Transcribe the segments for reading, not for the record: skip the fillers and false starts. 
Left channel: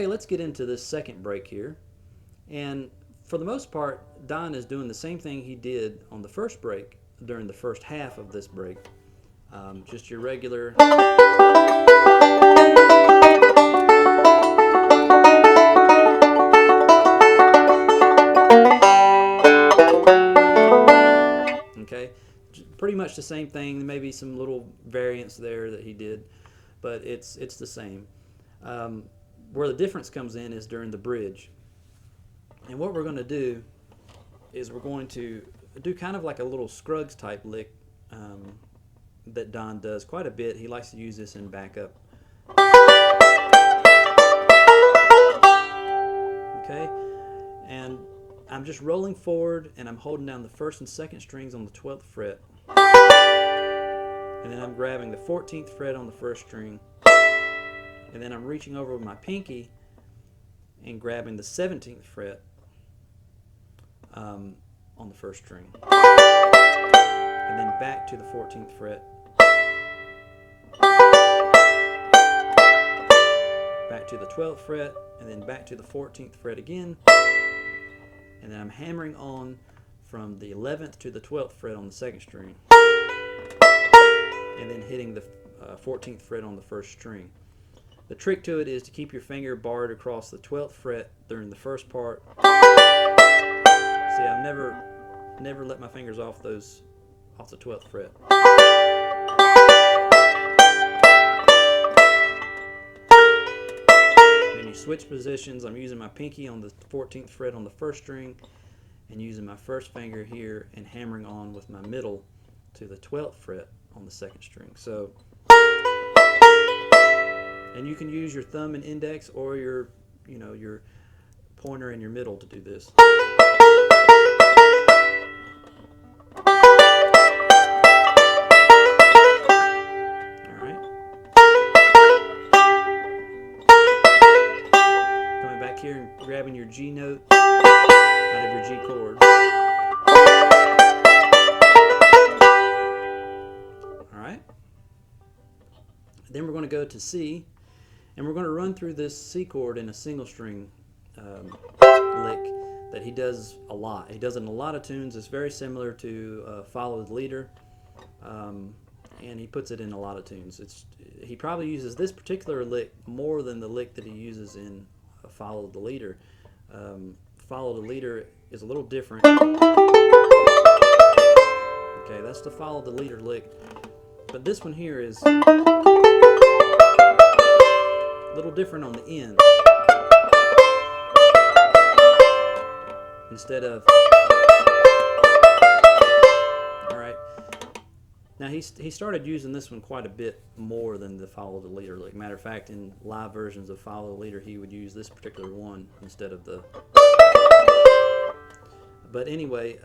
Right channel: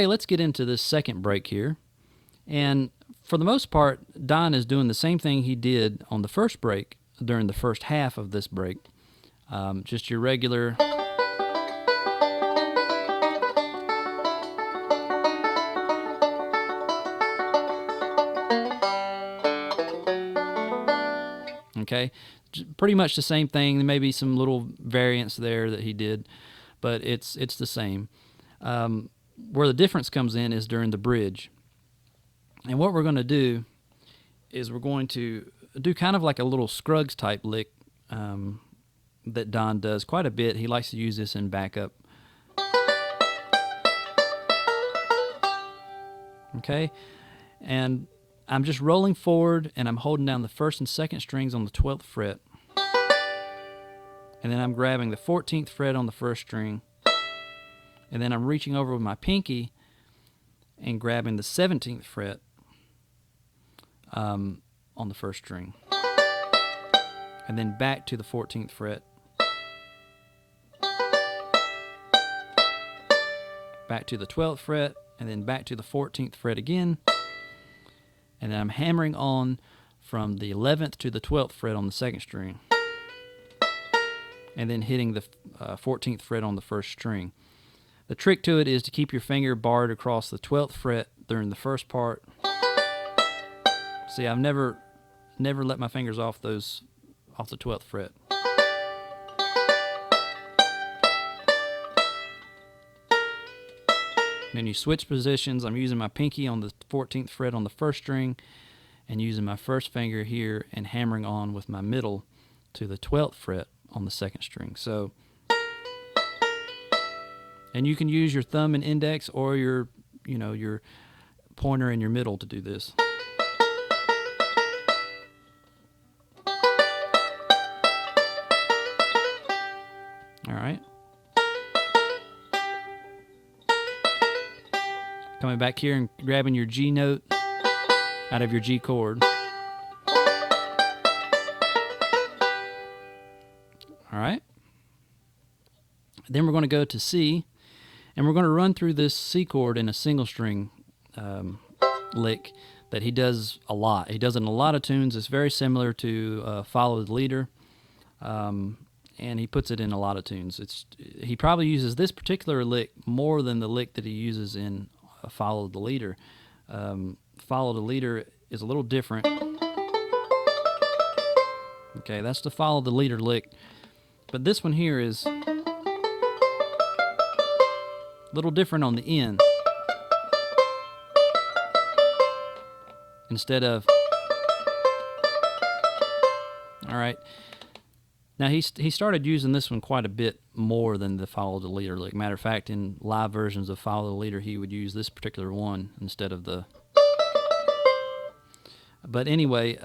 Okay, let's get into this second break here. And for the most part, Don is doing the same thing he did on the first break during the first half of this break. Just your regular. Okay, pretty much the same thing. There may be some little variants there that he did, but it's the same. Where the difference comes in is during the bridge. And what we're going to do is we're going to do kind of like a little Scruggs type lick that Don does quite a bit. He likes to use this in backup. Okay, and I'm just rolling forward and I'm holding down the first and second strings on the 12th fret. And then I'm grabbing the 14th fret on the first string. And then I'm reaching over with my pinky and grabbing the 17th fret on the first string. And then back to the 14th fret. Back to the 12th fret, and then back to the 14th fret again. And then I'm hammering on from the 11th to the 12th fret on the second string. And then hitting the 14th fret on the first string. The trick to it is to keep your finger barred across the 12th fret during the first part. See, I've never let my fingers off the 12th fret. Then you switch positions. I'm using my pinky on the 14th fret on the first string and using my first finger here and hammering on with my middle to the 12th fret on the second string. So, and you can use your thumb and index or your pointer and your middle to do this. All right. Coming back here and grabbing your G note out of your G chord. All right. Then we're going to go to C, and we're going to run through this C chord in a single string lick that he does a lot. He does it in a lot of tunes. It's very similar to Follow the Leader, and he puts it in a lot of tunes. He probably uses this particular lick more than the lick that he uses in Follow the Leader. Follow the Leader is a little different. Okay, that's the Follow the Leader lick. But this one here is a little different on the end. Instead of... Alright. Now he started using this one quite a bit more than the Follow the Leader lick. Matter of fact, in live versions of Follow the Leader, he would use this particular one instead of the... But anyway,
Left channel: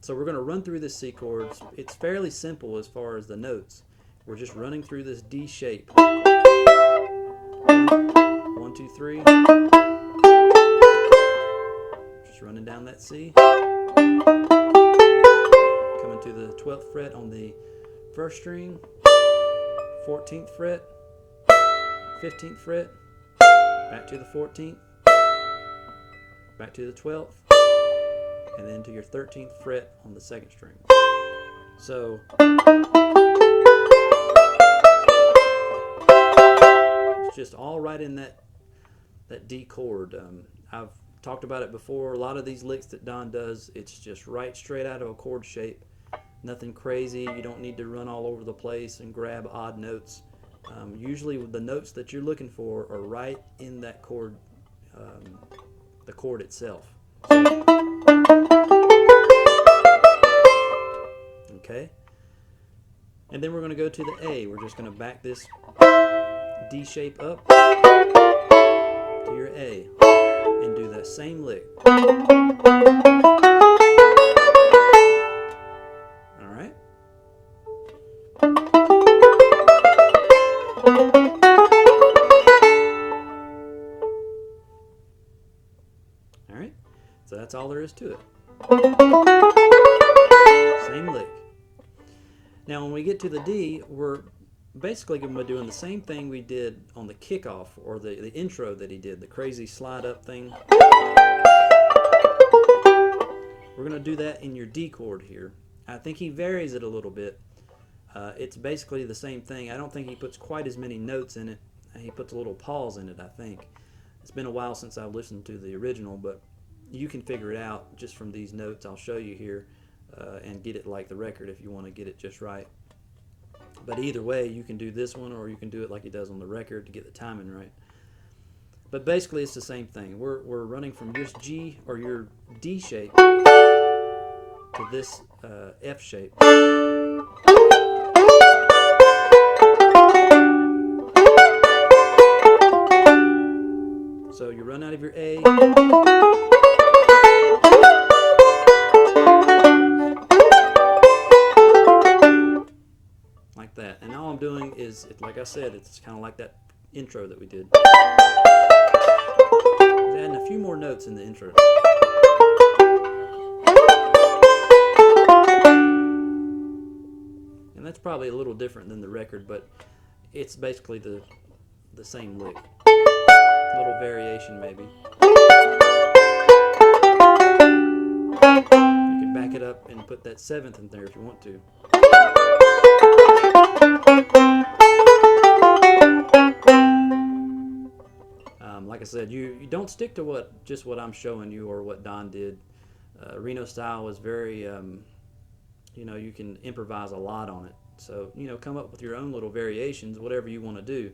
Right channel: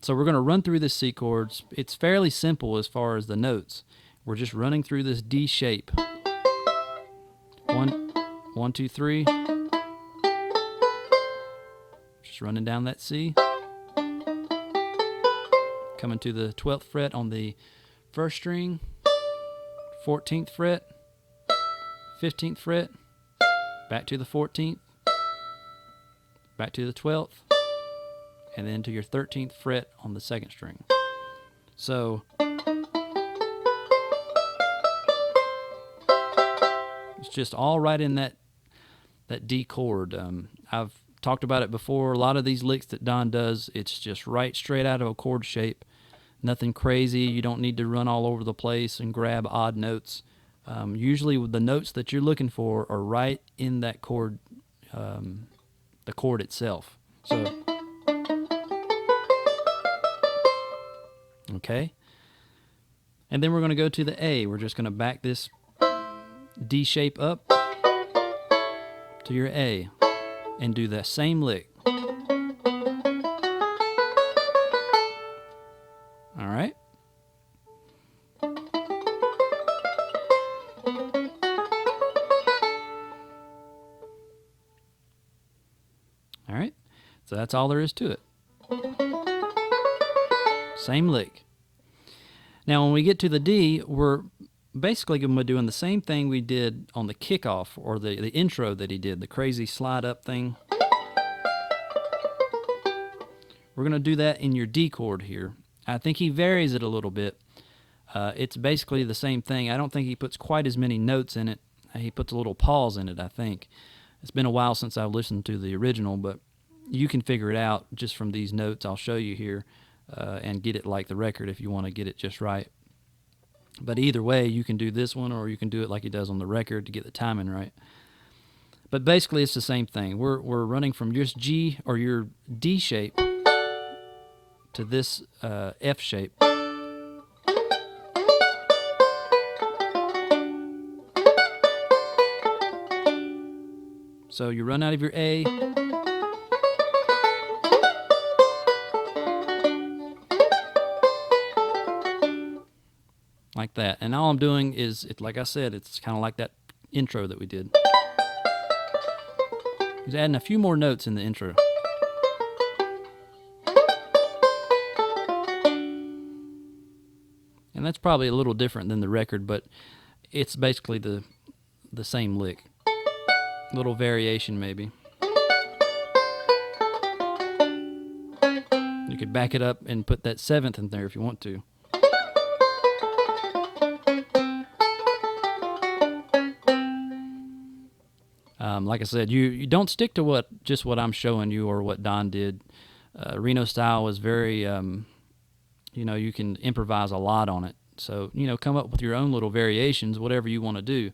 so we're going to run through this C chords. It's fairly simple as far as the notes. We're just running through this D shape. 1, 2, 3. Just running down that C. Coming to the 12th fret on the first string. 14th fret. 15th fret. Back to the 14th. Back to the 12th. And then to your 13th fret on the second string. So it's just all right in that D chord. I've talked about it before. A lot of these licks that Don does, it's just right straight out of a chord shape. Nothing crazy. You don't need to run all over the place and grab odd notes. Usually the notes that you're looking for are right in that chord, the chord itself. So, okay, and then we're going to go to the A. We're just going to back this D shape up to your A and do that same lick. All right. All right. So that's all there is to it. Same lick. Now when we get to the D, we're basically going to be doing the same thing we did on the kickoff, or the intro that he did, the crazy slide up thing. We're going to do that in your D chord here. I think he varies it a little bit. It's basically the same thing. I don't think he puts quite as many notes in it. He puts a little pause in it, I think. It's been a while since I've listened to the original, but you can figure it out just from these notes I'll show you here, and get it like the record if you want to get it just right. But either way, you can do this one, or you can do it like he does on the record to get the timing right. But basically, it's the same thing. We're running from just G, or your D shape, to this F shape. So you run out of your A, like that. And all I'm doing is, like I said, it's kind of like that intro that we did. Just adding a few more notes in the intro. And that's probably a little different than the record, but it's basically the same lick. Little variation maybe. You could back it up and put that seventh in there if you want to. Like I said, you don't stick to what I'm showing you or what Don did. Reno style was very, you can improvise a lot on it. So, come up with your own little variations, whatever you want to do.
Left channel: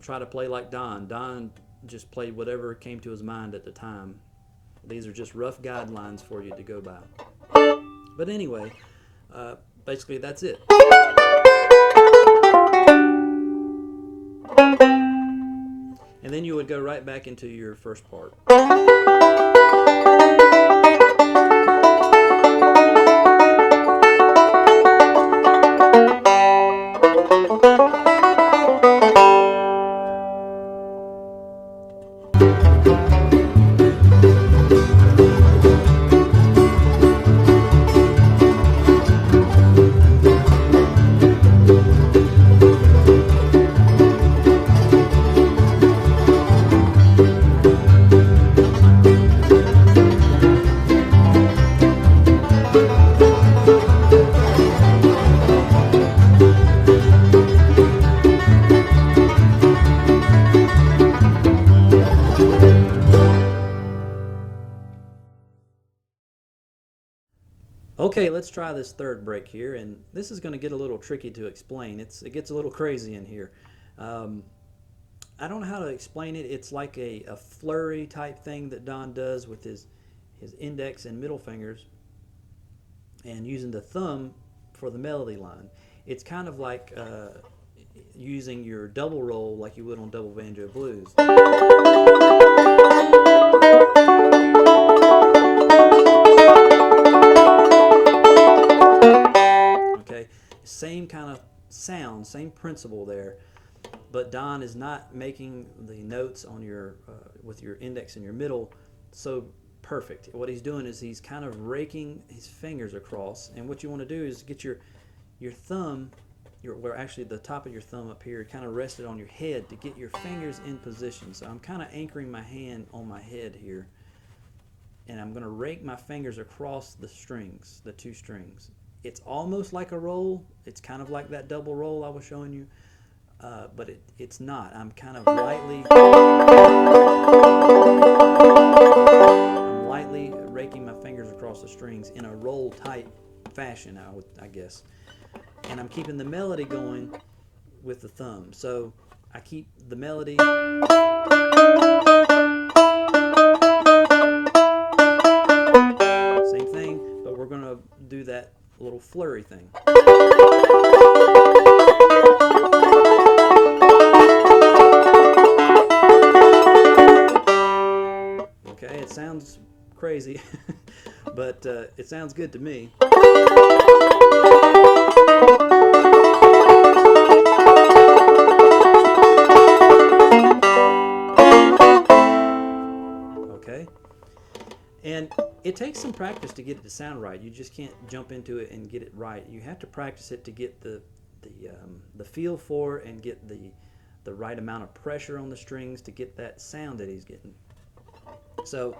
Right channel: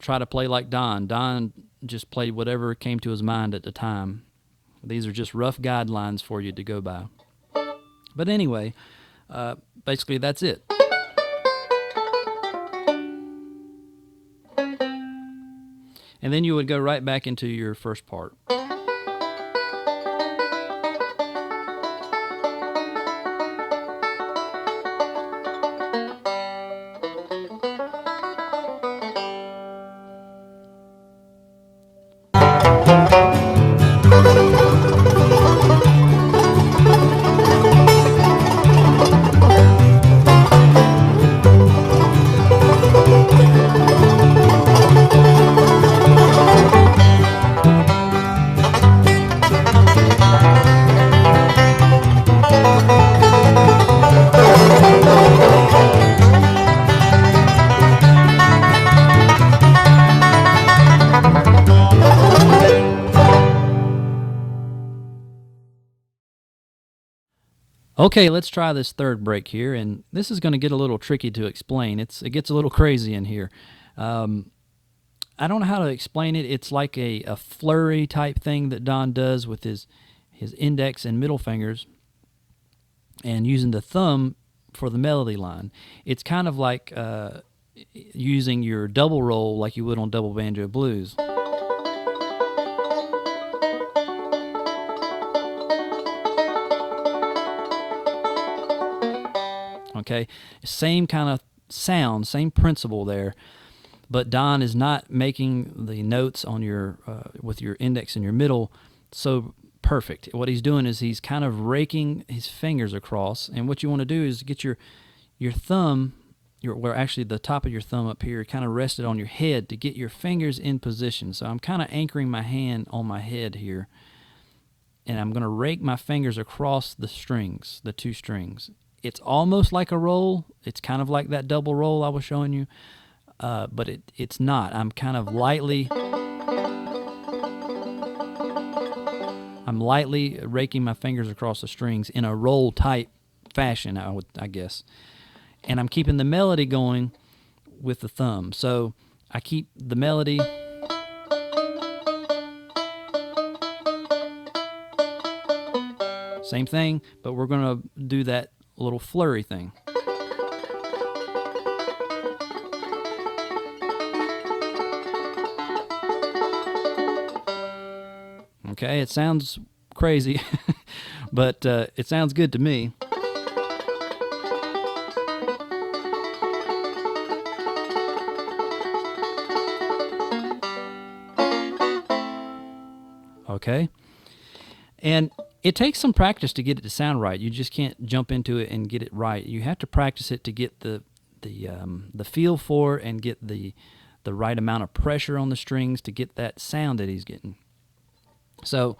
Try to play like Don. Don just played whatever came to his mind at the time. These are just rough guidelines for you to go by. But anyway, basically that's it. And then you would go right back into your first part. Okay, let's try this third break here, and this is going to get a little tricky to explain. It gets a little crazy in here. I don't know how to explain it. It's like a flurry type thing that Don does with his index and middle fingers, and using the thumb for the melody line. It's kind of like using your double roll like you would on double banjo blues. Okay, same kind of sound, same principle there, but Don is not making the notes on your with your index and your middle so perfect. What he's doing is he's kind of raking his fingers across, and what you want to do is get your thumb, where actually the top of your thumb up here, kind of rested on your head to get your fingers in position. So I'm kind of anchoring my hand on my head here, and I'm going to rake my fingers across the strings, the two strings. It's almost like a roll. It's kind of like that double roll I was showing you, but it's not. I'm kind of lightly raking my fingers across the strings in a roll type fashion, I guess. And I'm keeping the melody going with the thumb. So I keep the melody. Same thing, but we're going to do that little flurry thing. Okay, it sounds crazy, but it sounds good to me. Okay, and it takes some practice to get it to sound right. You just can't jump into it and get it right. You have to practice it to get the the feel for it and get the right amount of pressure on the strings to get that sound that he's getting. So,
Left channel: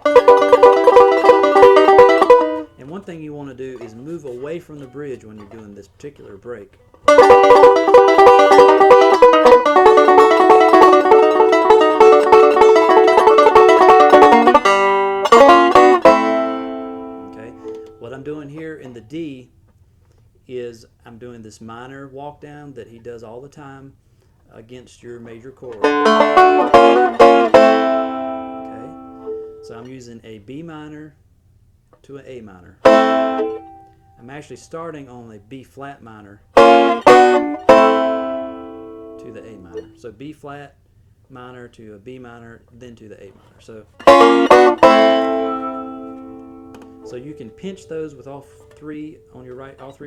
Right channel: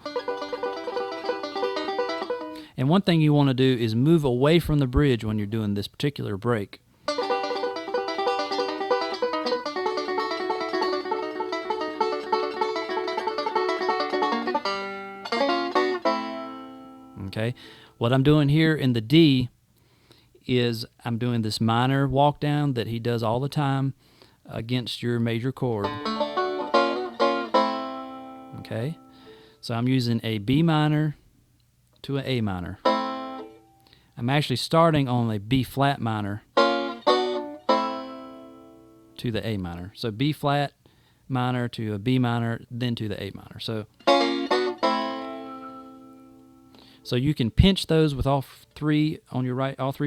and one thing you want to do is move away from the bridge when you're doing this particular break. Okay, what I'm doing here in the D is I'm doing this minor walk down that he does all the time against your major chord. Okay, so I'm using a B minor to an A minor. I'm actually starting on a B flat minor to the A minor. So B flat minor to a B minor, then to the A minor. So you can pinch those with all three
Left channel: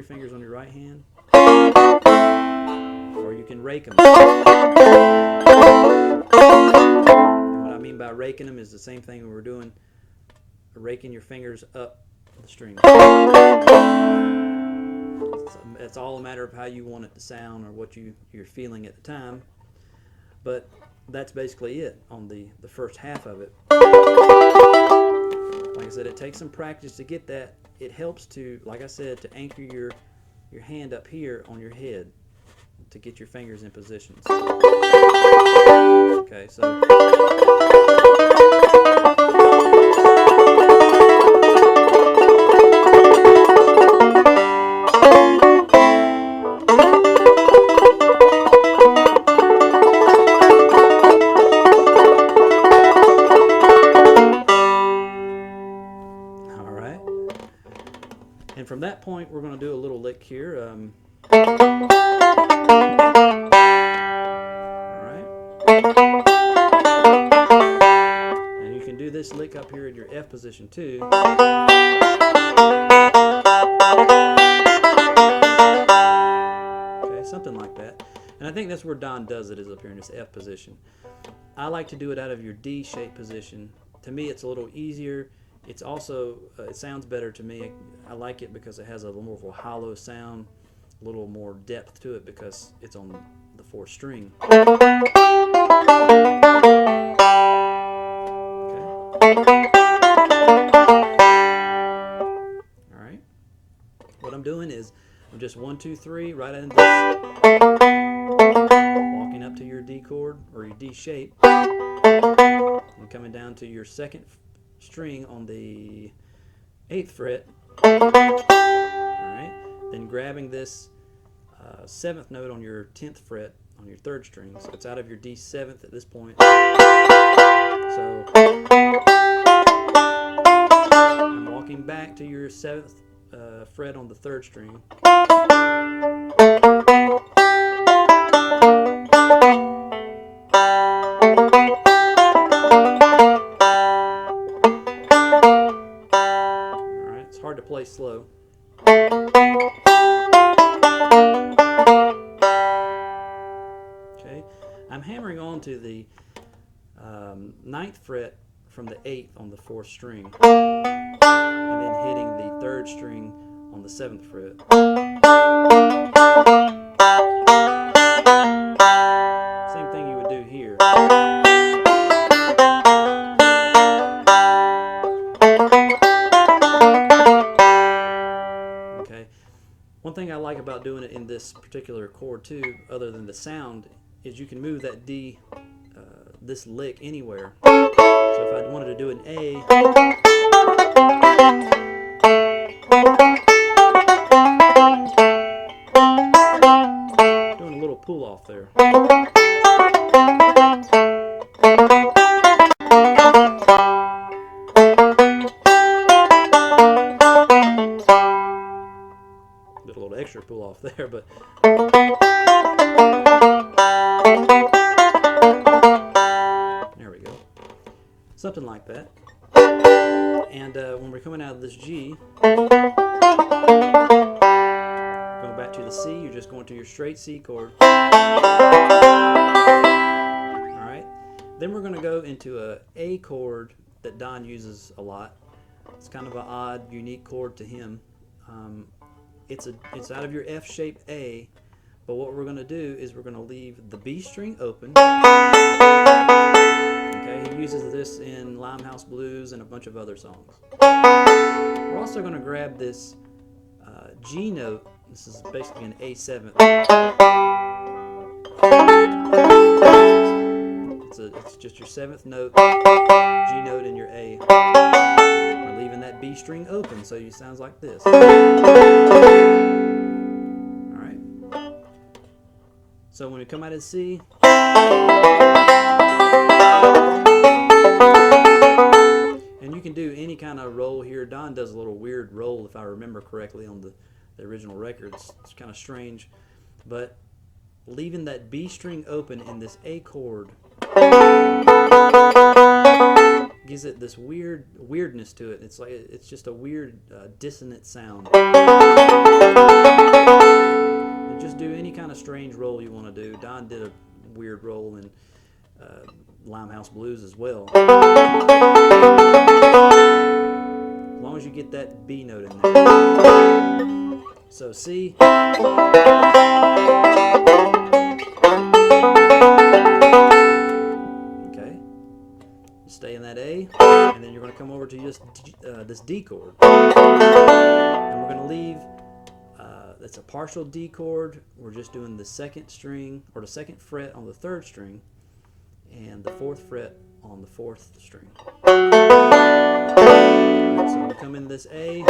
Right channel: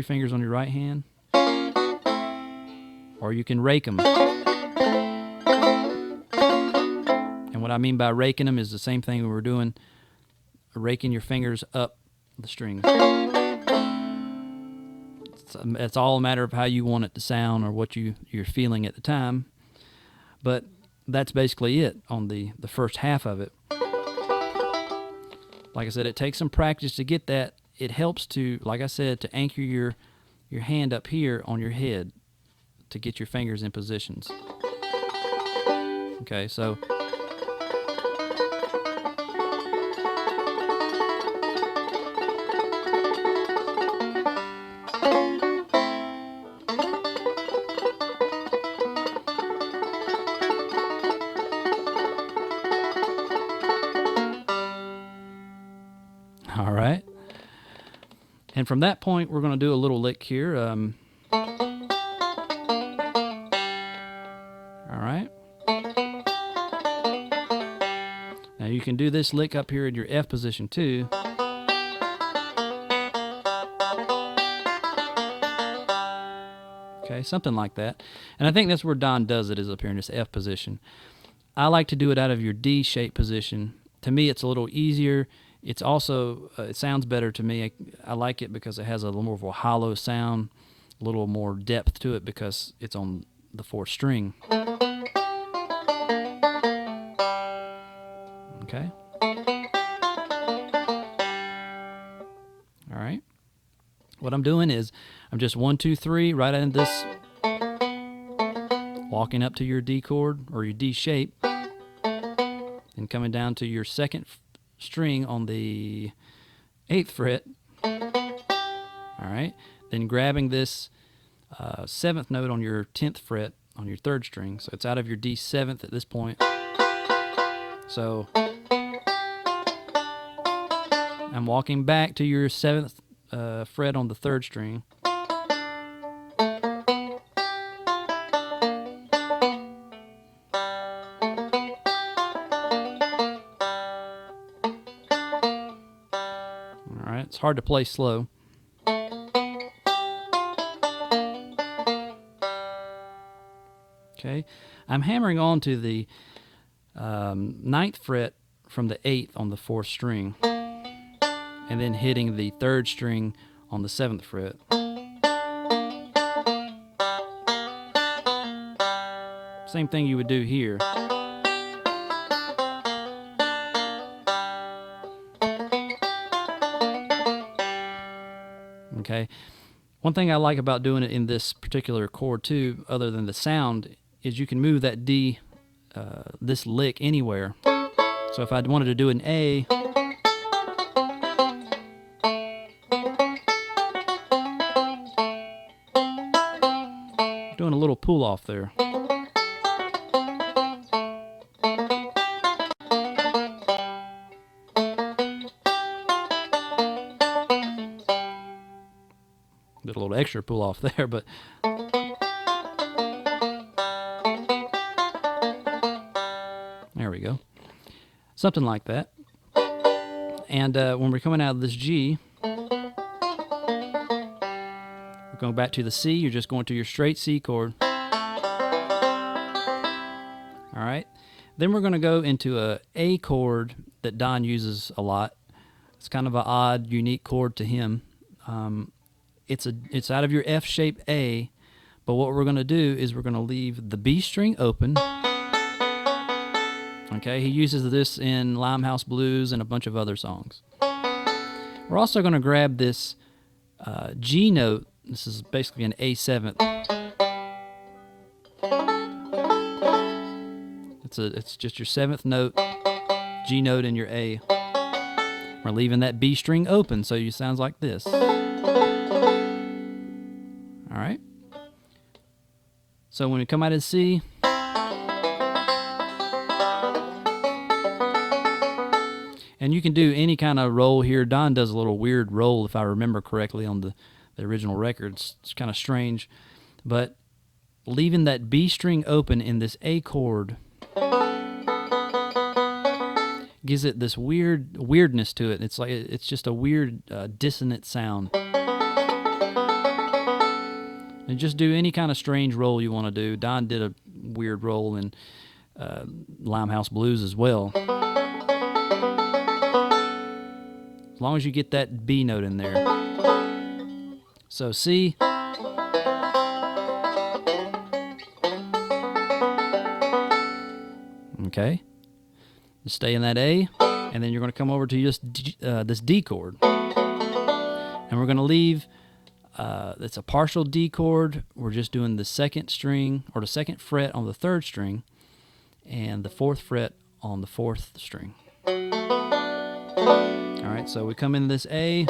fingers on your right hand, or you can rake them. And what I mean by raking them is the same thing we were doing, raking your fingers up the string. It's all a matter of how you want it to sound or what you're feeling at the time. But that's basically it on the first half of it. Like I said, it takes some practice to get that. It helps to, like I said, to anchor your hand up here on your head to get your fingers in positions. Okay, so all right. And from that point, we're going to do a little lick here. All right. Now you can do this lick up here in your F position too. Okay, something like that. And I think that's where Don does it, is up here in this F position. I like to do it out of your D shape position. To me, it's a little easier. It's also, it sounds better to me. I like it because it has a little more of a hollow sound, a little more depth to it because it's on the fourth string. Okay. All right. What I'm doing is I'm just 1, 2, 3 right in this, walking up to your D chord or your D shape, and coming down to your second string on the 8th fret. All right, then grabbing this 7th note on your 10th fret on your 3rd string. So it's out of your D7th at this point. So I'm walking back to your 7th fret on the 3rd string. It's hard to play slow. Okay, I'm hammering on to the 9th fret from the 8th on the 4th string, and then hitting the 3rd string on the 7th fret. Same thing you would do here. Okay. One thing I like about doing it in this particular chord too, other than the sound, is you can move that D, this lick anywhere. So if I wanted to do an A, doing a little pull off there. Did a little extra pull off there, but there we go. Something like that. And when we're coming out of this G, going back to the C, you're just going to your straight C chord. All right. Then we're going to go into a A chord that Don uses a lot. It's kind of an odd, unique chord to him. It's out of your F shape A, But what we're going to do is we're going to leave the B string open. Okay, he uses this in Limehouse Blues and a bunch of other songs. We're also going to grab this G note. This is basically an A7. It's just your 7th note, G note, and your A. We're leaving that B string open, so it sounds like this. All right. So when we come out of C, and you can do any kind of roll here. Don does a little weird roll, if I remember correctly, on the original records. It's kind of strange, but leaving that B string open in this A chord gives it this weirdness to it. It's like it's just a weird dissonant sound. And just do any kind of strange roll you want to do. Don did a weird roll in Limehouse Blues as well. As long as you get that B note in there. So C. Okay. Just stay in that A, and then you're going to come over to this D chord. And we're going to leave, it's a partial D chord. We're just doing the 2nd string, or the 2nd fret on the 3rd string, and the 4th fret on the 4th string. Alright, so we come in this A.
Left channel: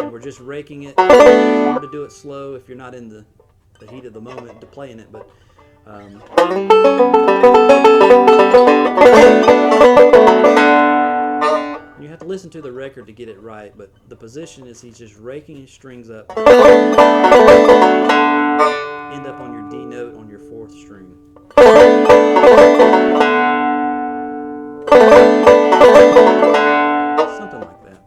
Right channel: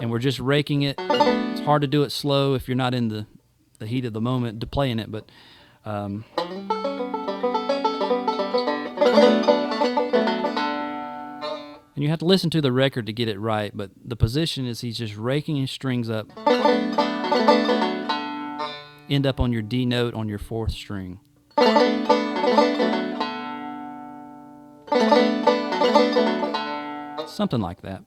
And we're just raking it. It's hard to do it slow if you're not in the heat of the moment to playing it, but and you have to listen to the record to get it right, but the position is he's just raking his strings up, end up on your D note on your 4th string. Something like that.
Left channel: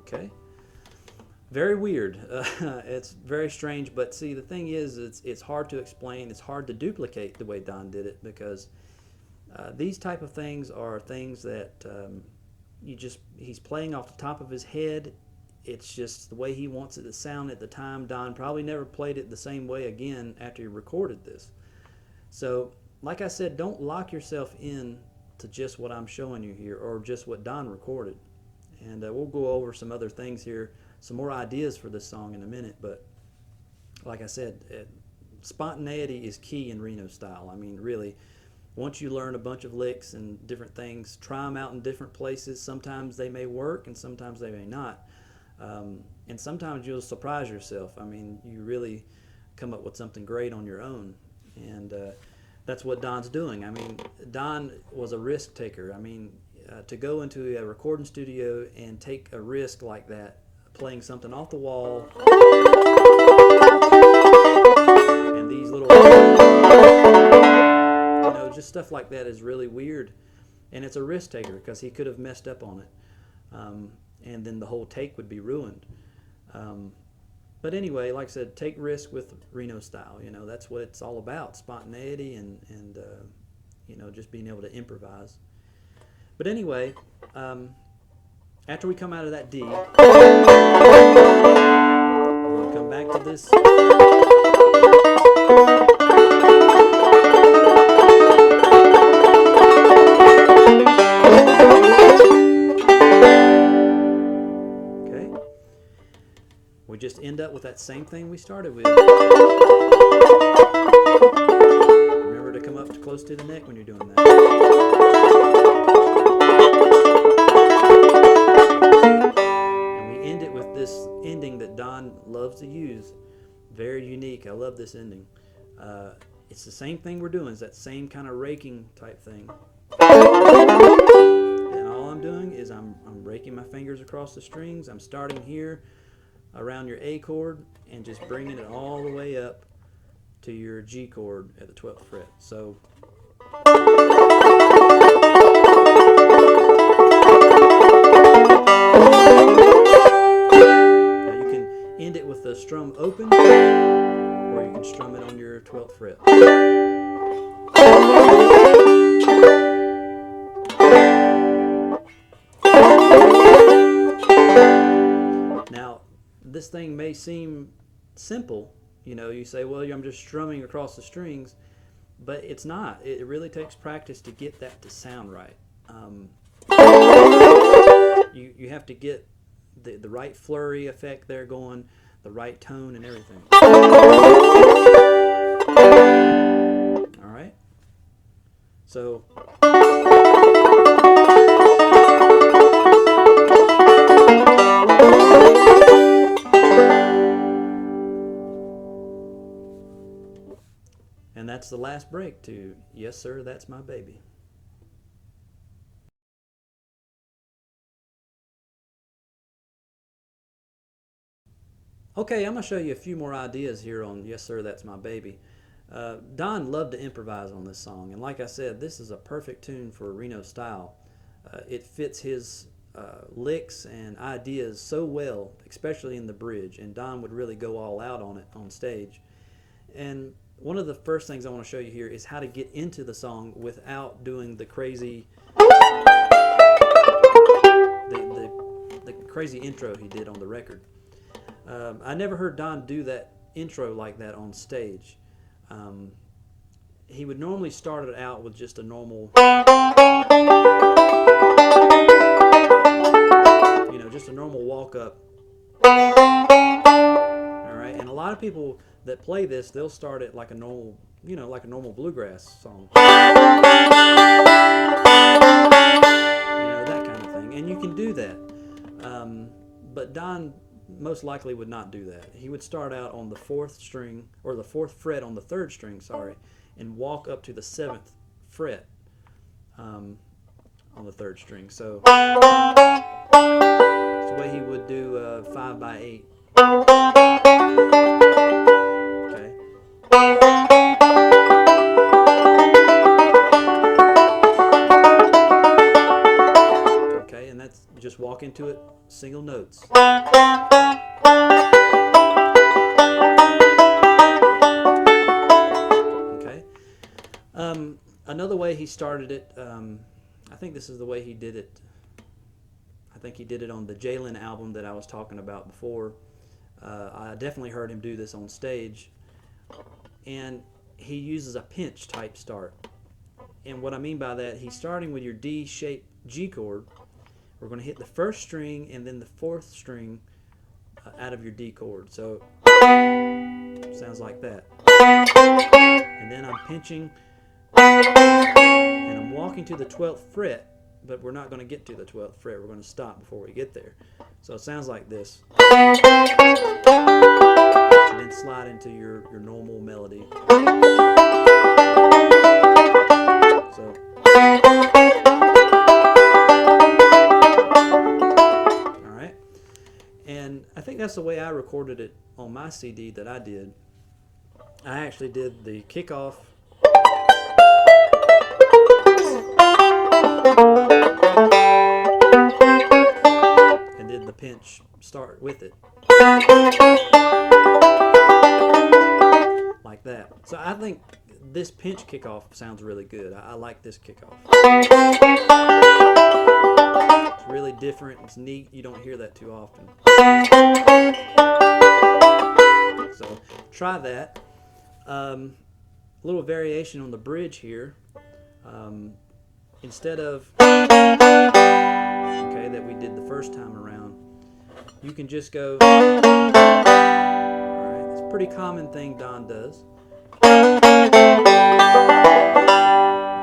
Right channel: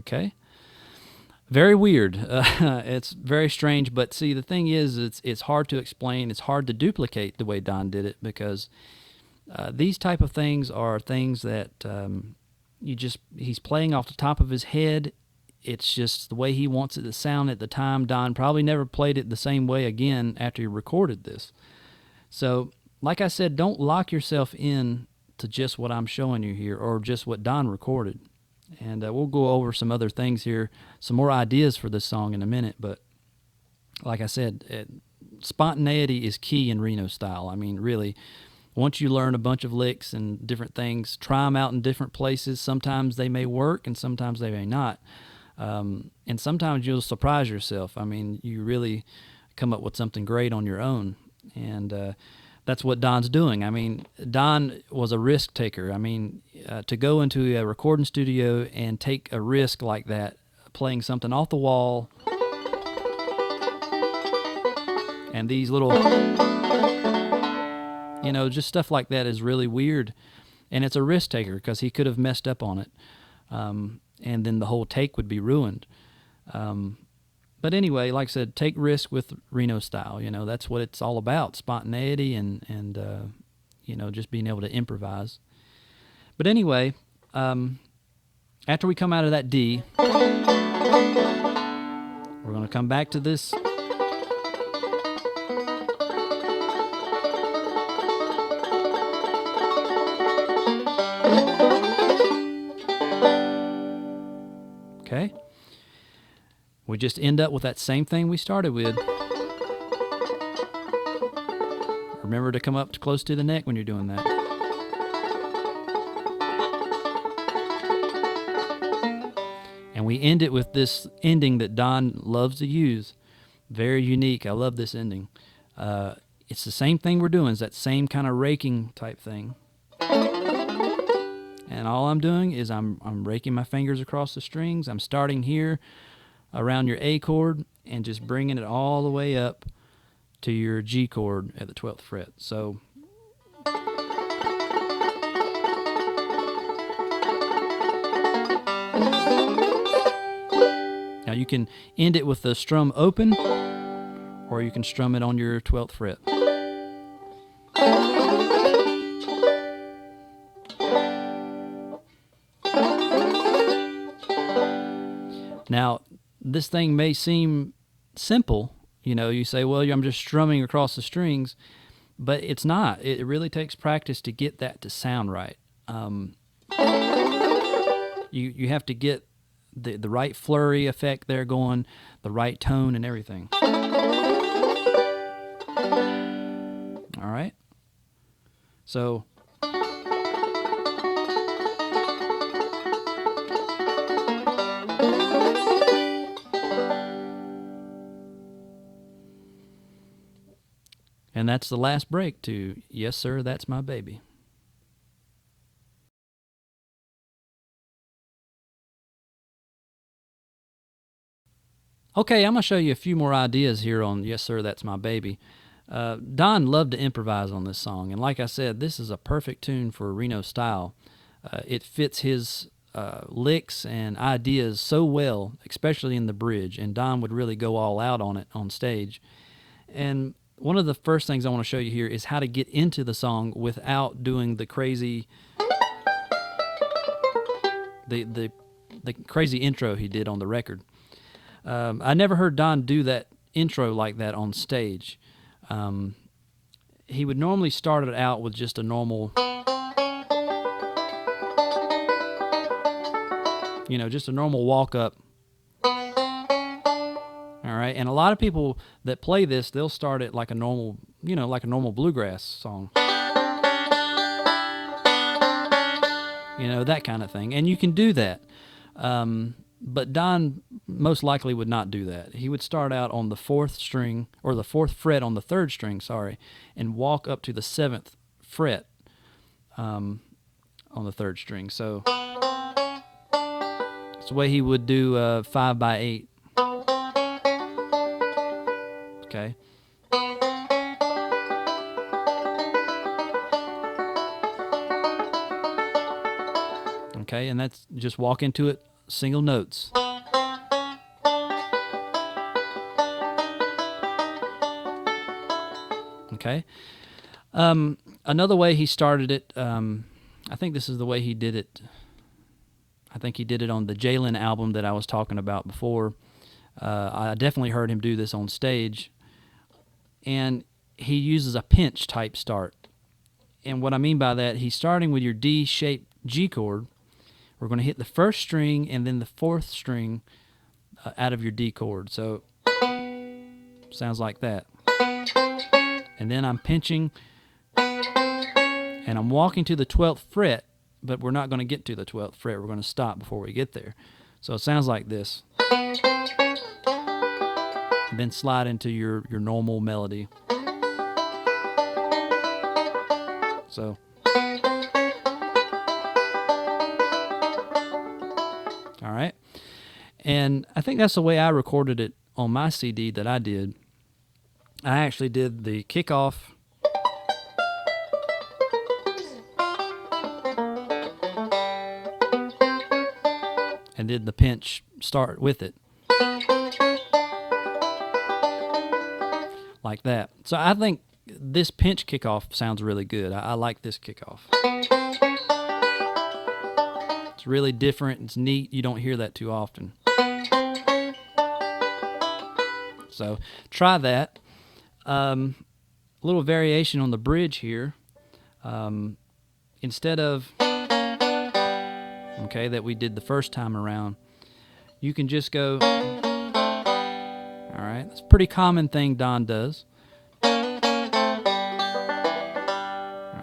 Okay. Very weird. It's very strange, but see, the thing is, it's hard to explain. It's hard to duplicate the way Don did it, because these type of things are things that he's playing off the top of his head. It's just the way he wants it to sound at the time. Don probably never played it the same way again after he recorded this. So, like I said, don't lock yourself in to just what I'm showing you here, or just what Don recorded. And we'll go over some other things here, some more ideas for this song in a minute. But like I said, spontaneity is key in Reno style. I mean, really, once you learn a bunch of licks and different things, try them out in different places. Sometimes they may work and sometimes they may not. And sometimes you'll surprise yourself. I mean, you really come up with something great on your own. And that's what Don's doing. I mean, Don was a risk taker. I mean, to go into a recording studio and take a risk like that, playing something off the wall, and these little, just stuff like that is really weird. And it's a risk taker, because he could have messed up on it. And then the whole take would be ruined. But anyway, like I said, take risk with Reno style. That's what it's all about, spontaneity and just being able to improvise. But anyway, after we come out of that D, we're going to come back to this. Okay. We just end up with that same thing we started with. Remember to come up close to the neck when you're doing that. End it with this ending that Don loves to use. Very unique. I love this ending. It's the same thing we're doing. It's that same kind of raking type thing. And all I'm doing is I'm raking my fingers across the strings. I'm starting here around your A chord and just bringing it all the way up to your G chord at the 12th fret. So you can end it with the strum open, or you can strum it on your 12th fret. this thing may seem simple. You say, well, I'm just strumming across the strings, but it's not. It really takes practice to get that to sound right. You have to get the right flurry effect there going, the right tone and everything. All right. So and that's the last break to Yes Sir, That's My Baby. Okay, I'm going to show you a few more ideas here on Yes Sir, That's My Baby. Don loved to improvise on this song, and like I said, this is a perfect tune for Reno style. It fits his licks and ideas so well, especially in the bridge, and Don would really go all out on it on stage. And one of the first things I want to show you here is how to get into the song without doing the crazy the crazy intro he did on the record. I never heard Don do that intro like that on stage. He would normally start it out with just a normal, just a normal walk up. All right, and a lot of people that play this, they'll start it like a normal, like a normal bluegrass song. That kind of thing, and you can do that. But Don most likely would not do that. He would start out on the fourth string, or the fourth fret on the third string, and walk up to the seventh fret on the third string. So that's the way he would do 5/8. Okay. Okay, and that's just walk into it, single notes. Okay. Another way he started it, I think this is the way he did it. I think he did it on the Jalen album that I was talking about before. I definitely heard him do this on stage. And he uses a pinch type start. And what I mean by that, he's starting with your D-shaped G chord. We're going to hit the first string and then the fourth string out of your D chord. So sounds like that. And then I'm pinching and I'm walking to the 12th fret, but we're not going to get to the 12th fret. We're going to stop before we get there. So it sounds like this. And then slide into your normal melody. So all right. And I think that's the way I recorded it on my CD that I did. I actually did the kickoff and did the pinch start with it. Like that. So I think this pinch kickoff sounds really good. I like this kickoff. It's really different. It's neat. You don't hear that too often. So try that. Little variation on the bridge here. Instead of that we did the first time around, you can just go. All right, it's a pretty common thing Don does. All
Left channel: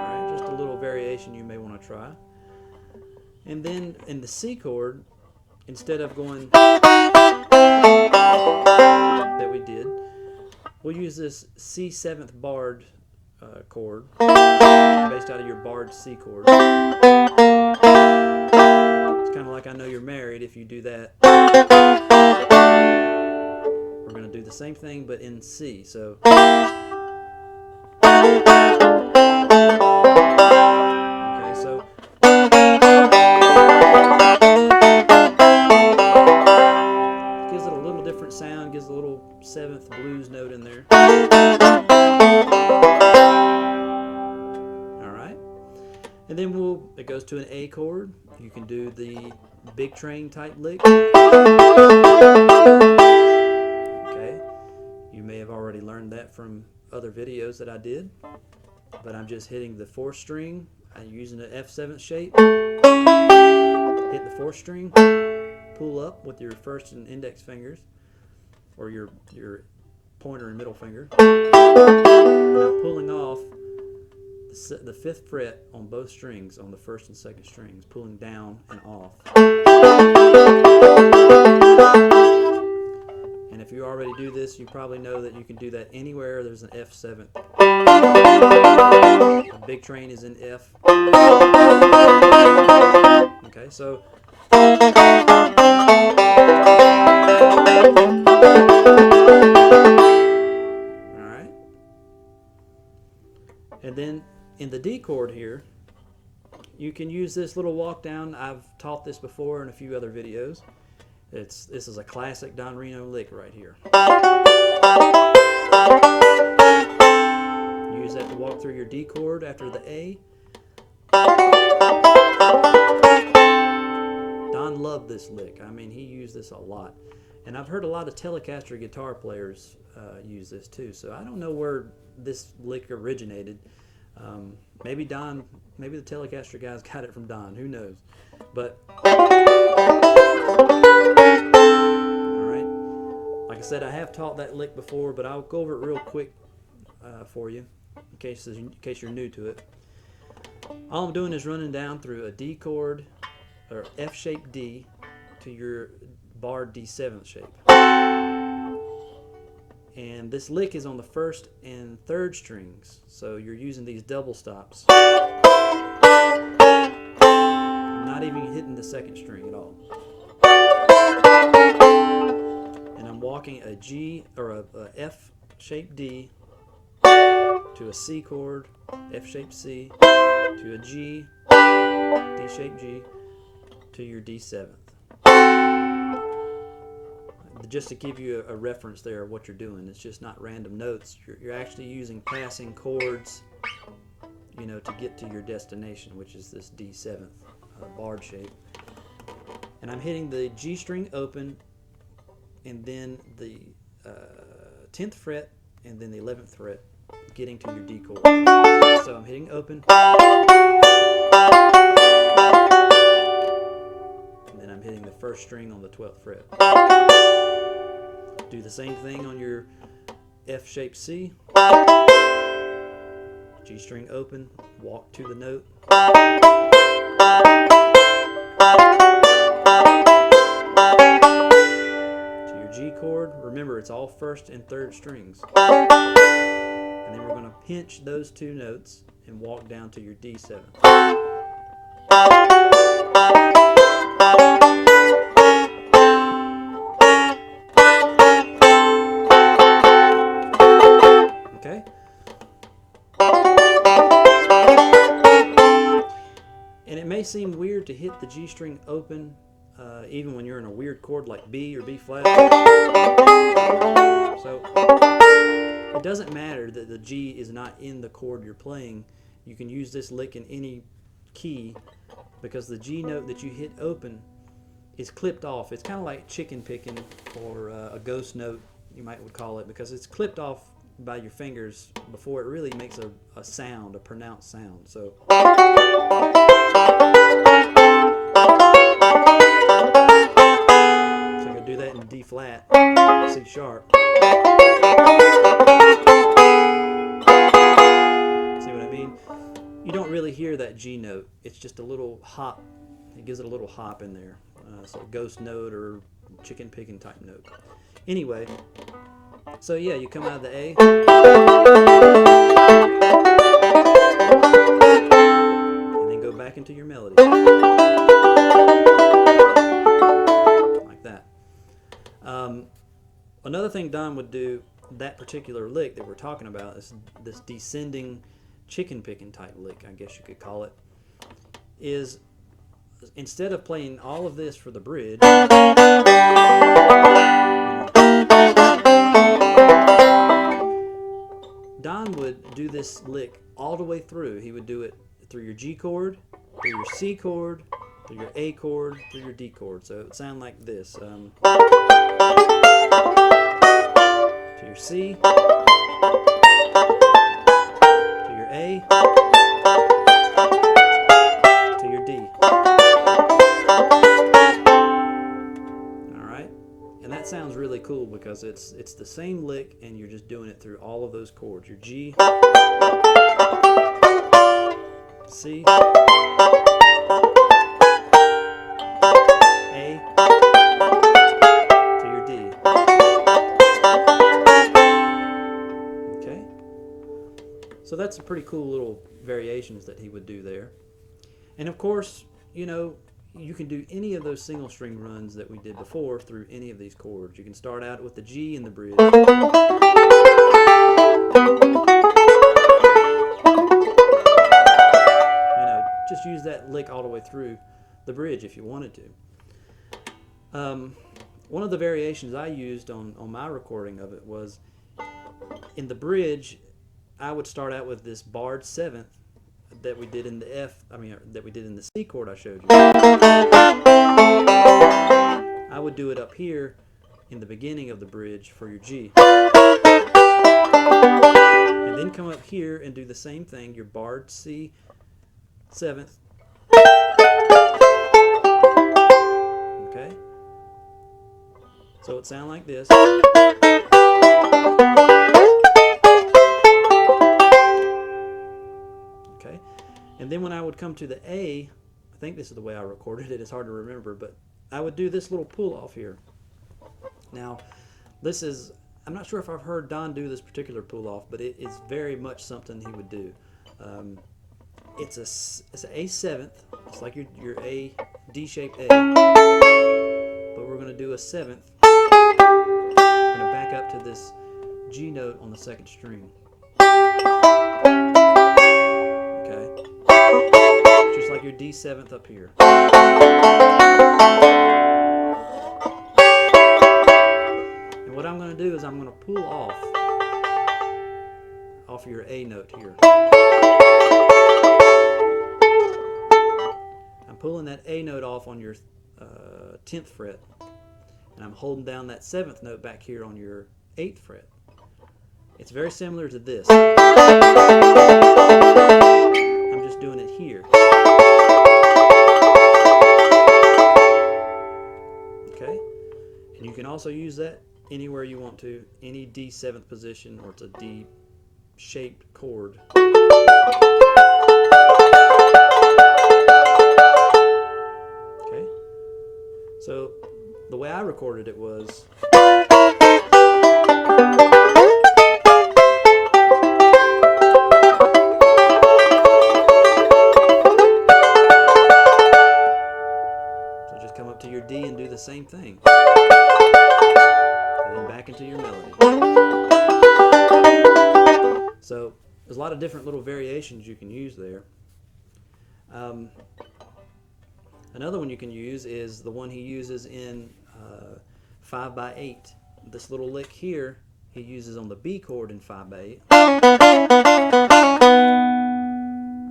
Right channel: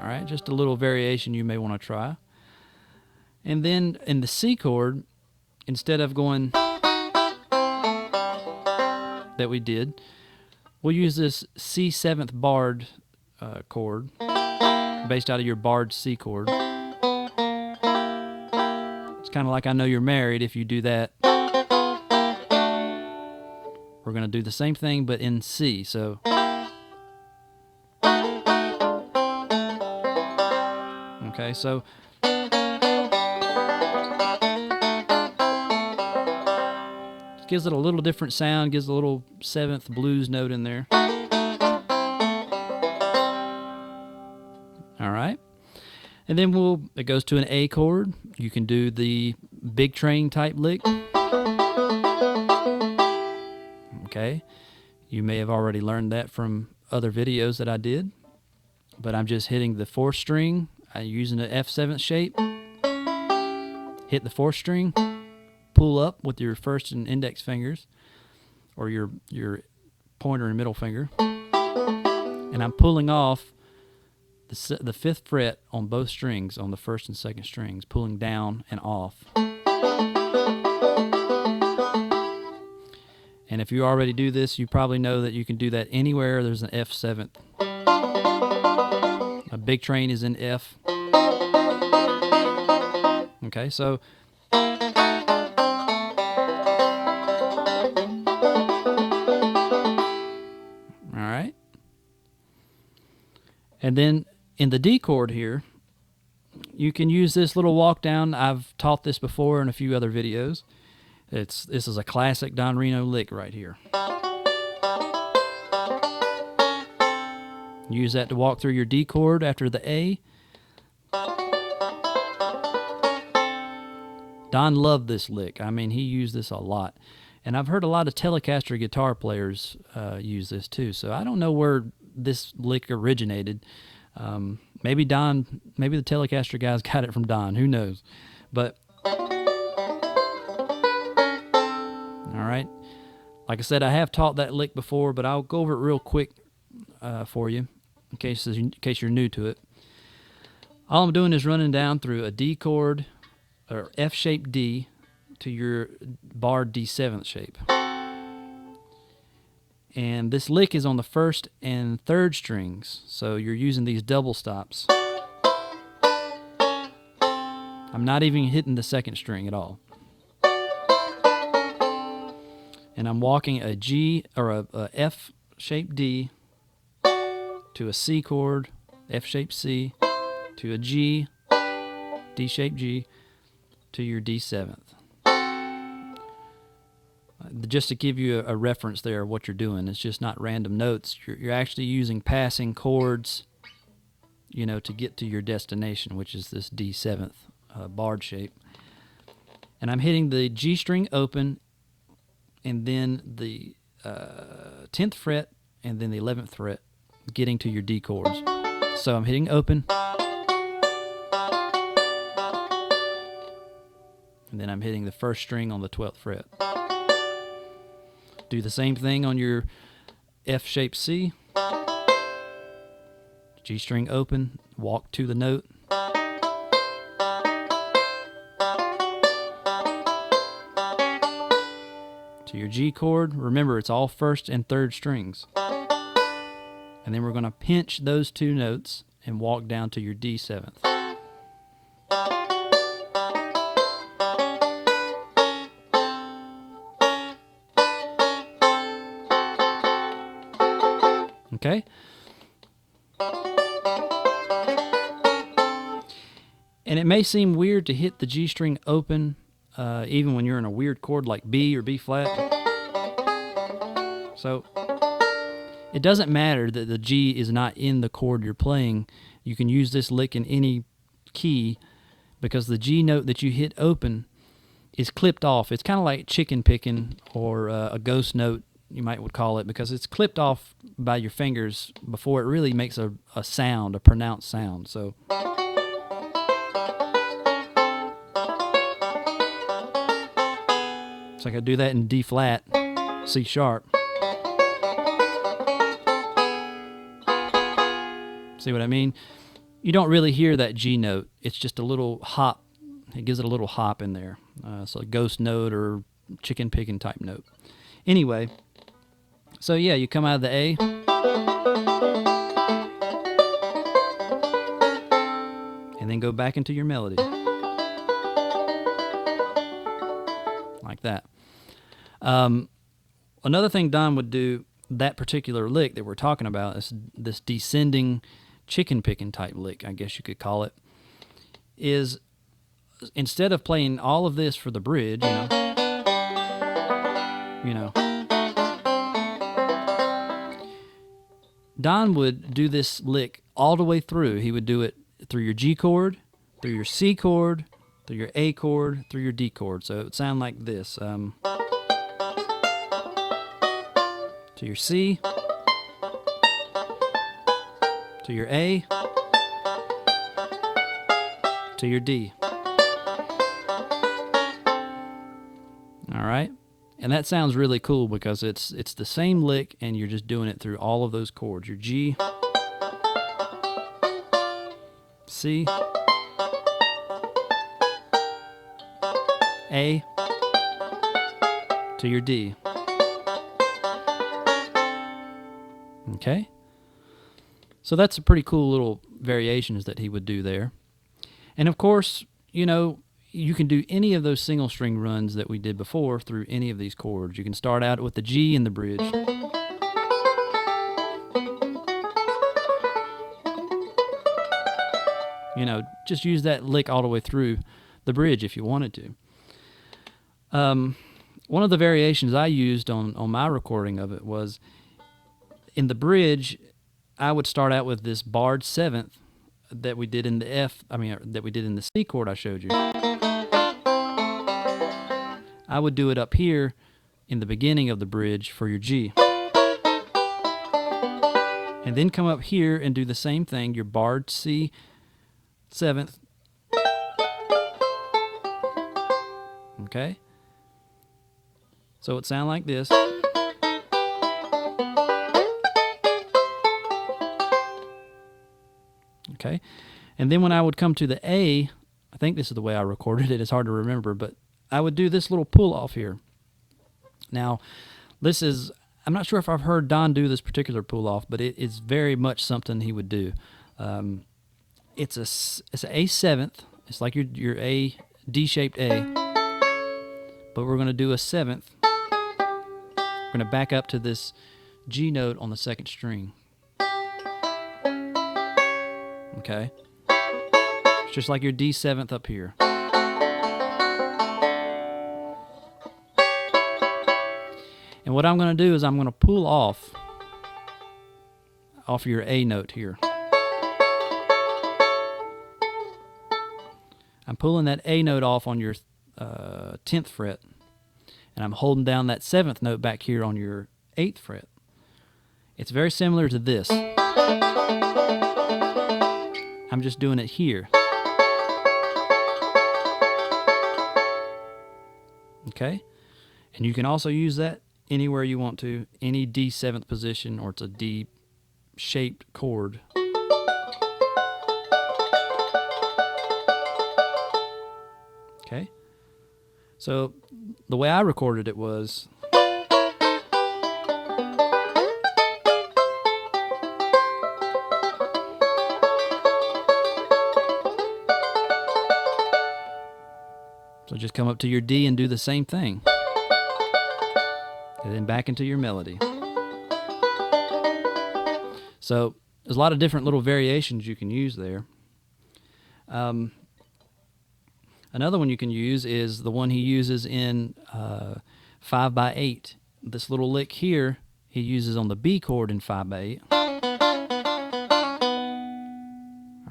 right, just a little variation you may want to try. And then in the C chord, instead of going that we did, we'll use this C7th barred chord, based out of your barred C chord. It's kind of like I Know You're Married. If you do that, we're going to do the same thing, but in C. So okay, so gives it a little different sound, gives a little 7th blues note in there. All right. And then it goes to an A chord. You can do the big train type lick. All Okay, you may have already learned that from other videos that I did, but I'm just hitting the 4th string. I'm using the F7 shape. Hit the 4th string, pull up with your first and index fingers, or your pointer and middle finger, and I'm pulling off the 5th fret on both strings, on the 1st and 2nd strings, pulling down and off. And if you already do this, you probably know that you can do that anywhere there's an F7. A big train is in F. Okay, so alright. And then in the D chord here, you can use this little walk down. I've taught this before in a few other videos. This is a classic Don Reno lick right here. Use that to walk through your D chord after the A. Don loved this lick. I mean, he used this a lot. And I've heard a lot of Telecaster guitar players use this too. So I don't know where this lick originated. Maybe the Telecaster guys got it from Don. Who knows? But alright. Like I said, I have taught that lick before, but I'll go over it real quick for you in case you're new to it. All I'm doing is running down through a D chord, or F-shaped D, to your barred D7 shape. And this lick is on the 1st and 3rd strings, so you're using these double stops. I'm not even hitting the 2nd string at all. And I'm walking a G, or a F-shaped D, to a C chord, F-shaped C, to a G, D-shaped G, to your D7th. Just to give you a reference there of what you're doing, it's just not random notes. You're actually using passing chords, you know, to get to your destination, which is this D7th barred shape. And I'm hitting the G string open, and then the 10th fret, and then the 11th fret, getting to your D chords. So I'm hitting open, and then I'm hitting the 1st string on the 12th fret. Do the same thing on your F-shaped C. G string open, walk to the note. To your G chord. Remember, it's all 1st and 3rd strings. And then we're going to pinch those 2 notes and walk down to your D7th. Okay? And it may seem weird to hit the G string open even when you're in a weird chord like B or B flat. So it doesn't matter that the G is not in the chord you're playing. You can use this lick in any key because the G note that you hit open is clipped off. It's kind of like chicken picking, or a ghost note, you might would call it, because it's clipped off by your fingers before it really makes a sound, a pronounced sound. So I can do that in D flat, C sharp. See what I mean? You don't really hear that G note. It's just a little hop. It gives it a little hop in there. So a ghost note or chicken picking type note. Anyway, so yeah, you come out of the A. And then go back into your melody. Like that. Another thing Don would do, that particular lick that we're talking about, is this descending chicken picking type lick, I guess you could call it, is instead of playing all of this for the bridge, Don would do this lick all the way through. He would do it through your G chord, through your C chord, through your A chord, through your D chord. So it would sound like this. To your C, to your A, to your D. All right? And that sounds really cool because it's the same lick and you're just doing it through all of those chords. Your G, C, A, to your D. Okay? So that's a pretty cool little variations that he would do there. And of course, you know, you can do any of those single string runs that we did before through any of these chords. You can start out with the G in the bridge. You know, just use that lick all the way through the bridge if you wanted to. One of the variations I used on my recording of it was in the bridge, I would start out with this barred seventh that we did in the that we did in the C chord I showed you. I would do it up here in the beginning of the bridge for your G. And then come up here and do the same thing, your barred C seventh. Okay? So it sounds like this. Okay? And then when I would come to the A, I think this is the way I recorded it, it's hard to remember, but I would do this little pull off here. Now, this is, I'm not sure if I've heard Don do this particular pull off, but it is very much something he would do. It's an A seventh, it's like your A, D-shaped A, but we're going to do a seventh. We're going to back up to this G note on the second string. Okay? It's just like your D seventh up here. And what I'm going to do is I'm going to pull off your A note here. I'm pulling that A note off on your 10th fret, and I'm holding down that 7th note back here on your 8th fret. It's very similar to this. I'm just doing it here. Okay? And you can also use that anywhere you want to, any D 7th position, or it's a D shaped chord. Okay? So the way I recorded it was so just come up to your D and do the same thing. And then back into your melody. So there's a lot of different little variations you can use there. Another one you can use is the one he uses in 5/8. This little lick here he uses on the B chord in 5/8.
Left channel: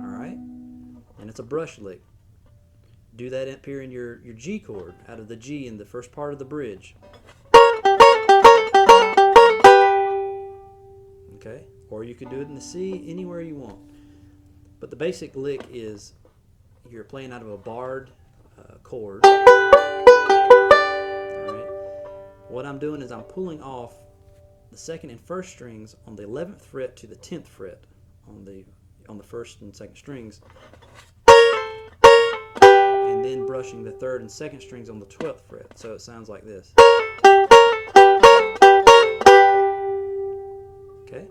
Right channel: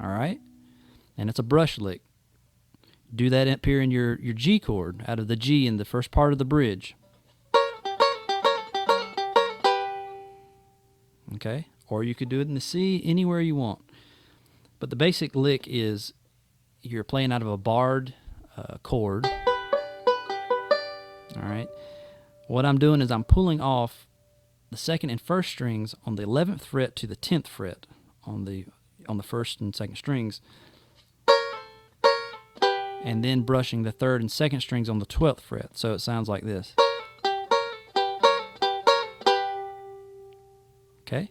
All right, and it's a brush lick. Do that up here in your G chord, out of the G in the first part of the bridge. Okay, or you could do it in the C, anywhere you want. But the basic lick is you're playing out of a barred chord. All right. What I'm doing is I'm pulling off the second and first strings on the 11th fret to the 10th fret on the first and second strings, and then brushing the third and second strings on the 12th fret. So it sounds like this. Okay?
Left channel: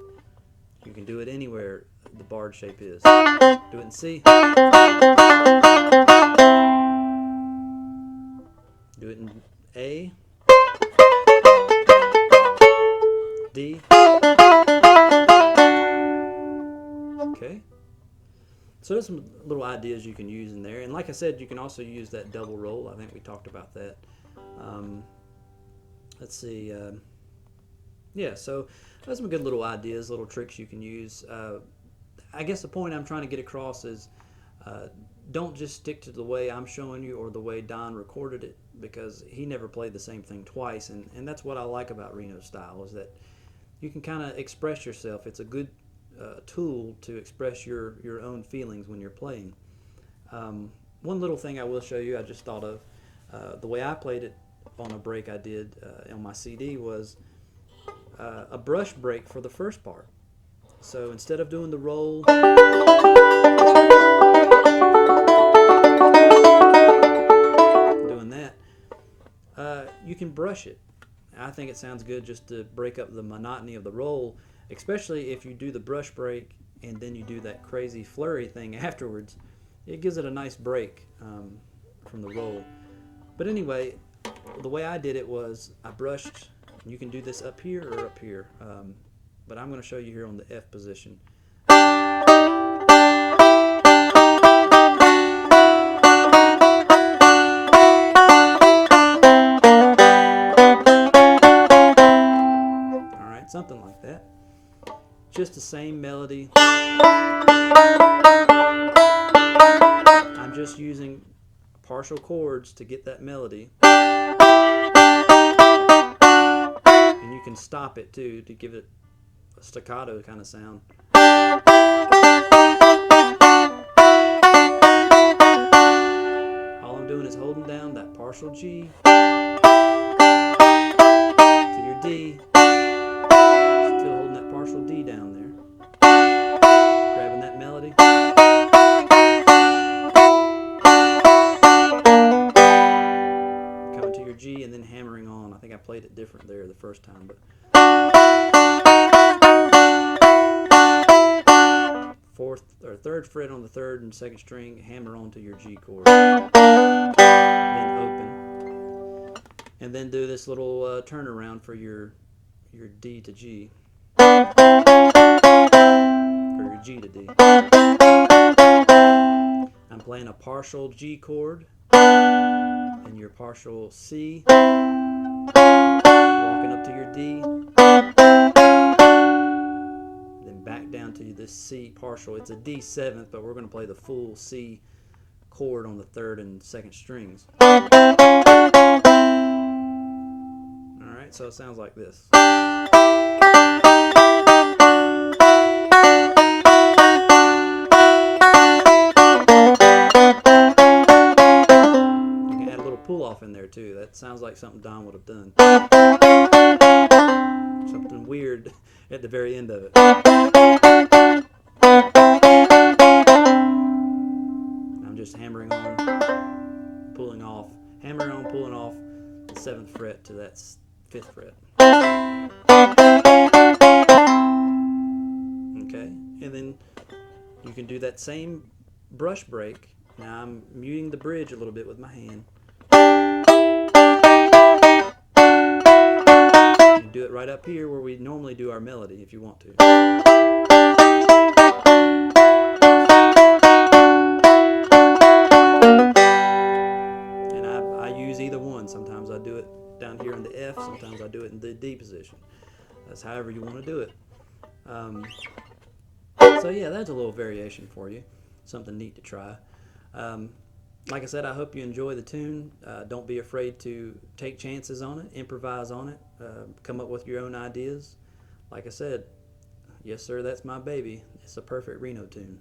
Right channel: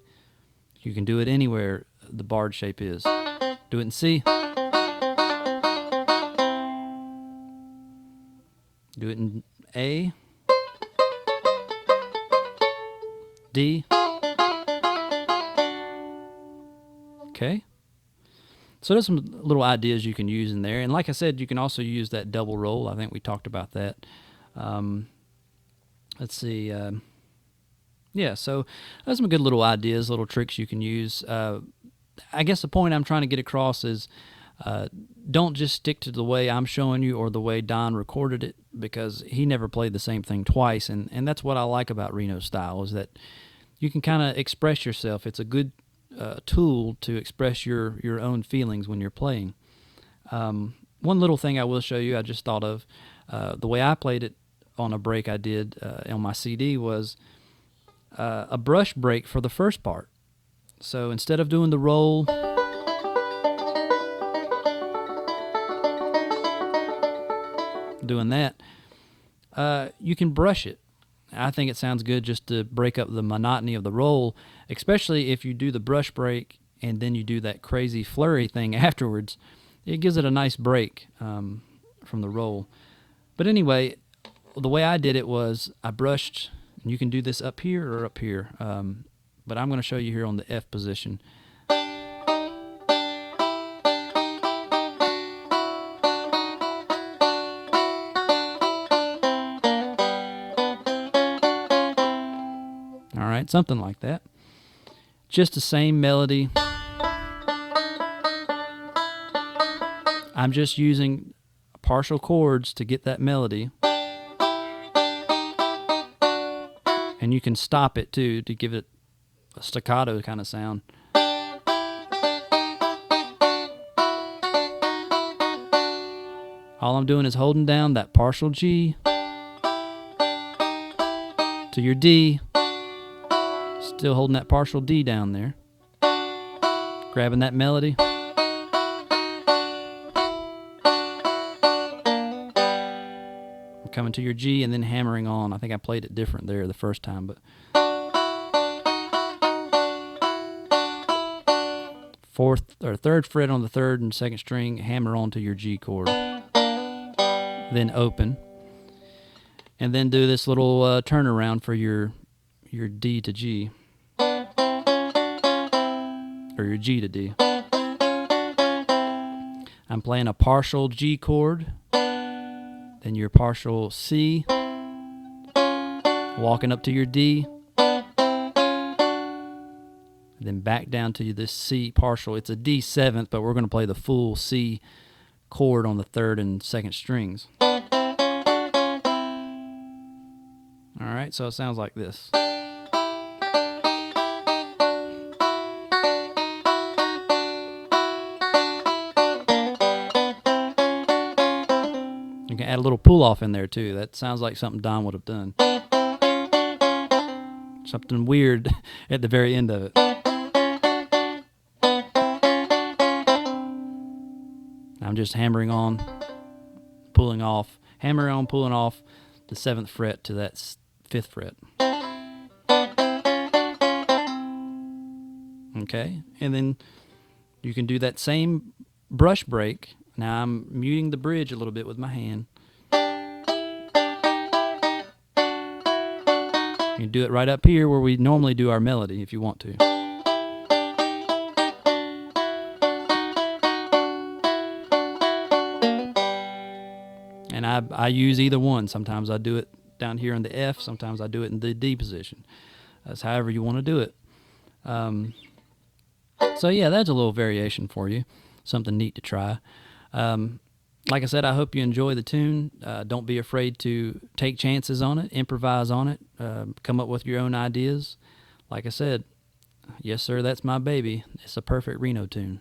You can do it anywhere the barred shape is. Do it in C. Do it in A, D. Okay? So there's some little ideas you can use in there. And like I said, you can also use that double roll. I think we talked about that. Let's see. Yeah, so there's some good little ideas, little tricks you can use. I guess the point I'm trying to get across is don't just stick to the way I'm showing you or the way Don recorded it, because he never played the same thing twice. And that's what I like about Reno's style, is that you can kind of express yourself. It's a good tool to express your own feelings when you're playing. One little thing I will show you, I just thought of, the way I played it on a break I did on my CD was a brush break for the first part. So instead of doing the roll, doing that, you can brush it. I think it sounds good just to break up the monotony of the roll, especially if you do the brush break and then you do that crazy flurry thing afterwards. It gives it a nice break from the roll. But anyway, the way I did it was I brushed, and you can do this up here or up here, but I'm going to show you here on the F position. All right, something like that. Just the same melody. I'm just using partial chords to get that melody. And you can stop it too to give it a staccato kind of sound. All I'm doing is holding down that partial G to your D. Still holding that partial D down there. Grabbing that melody. Coming to your G and then hammering on. I think I played it different there the first time, but fourth or third fret on the third and second string, hammer onto your G chord, then open, and then do this little turnaround for your D to G, or your G to D. I'm playing a partial G chord, then your partial C, walking up to your D, then back down to this C partial. It's a D seventh, but we're going to play the full C chord on the third and second strings. All right, so it sounds like this. Add a little pull off in there too. That sounds like something Don would have done. Something weird at the very end of it. I'm just hammering on, pulling off, hammering on, pulling off the 7th fret to that 5th fret. Okay, and then you can do that same brush break. Now I'm muting the bridge a little bit with my hand. You do it right up here where we normally do our melody if you want to. And I use either one. Sometimes I do it down here in the F, sometimes I do it in the D position. That's however you want to do it. So yeah, that's a little variation for you. Something neat to try. Like I said, I hope you enjoy the tune. Don't be afraid to take chances on it, improvise on it, come up with your own ideas. Like I said, yes sir, that's my baby. It's a perfect Reno tune.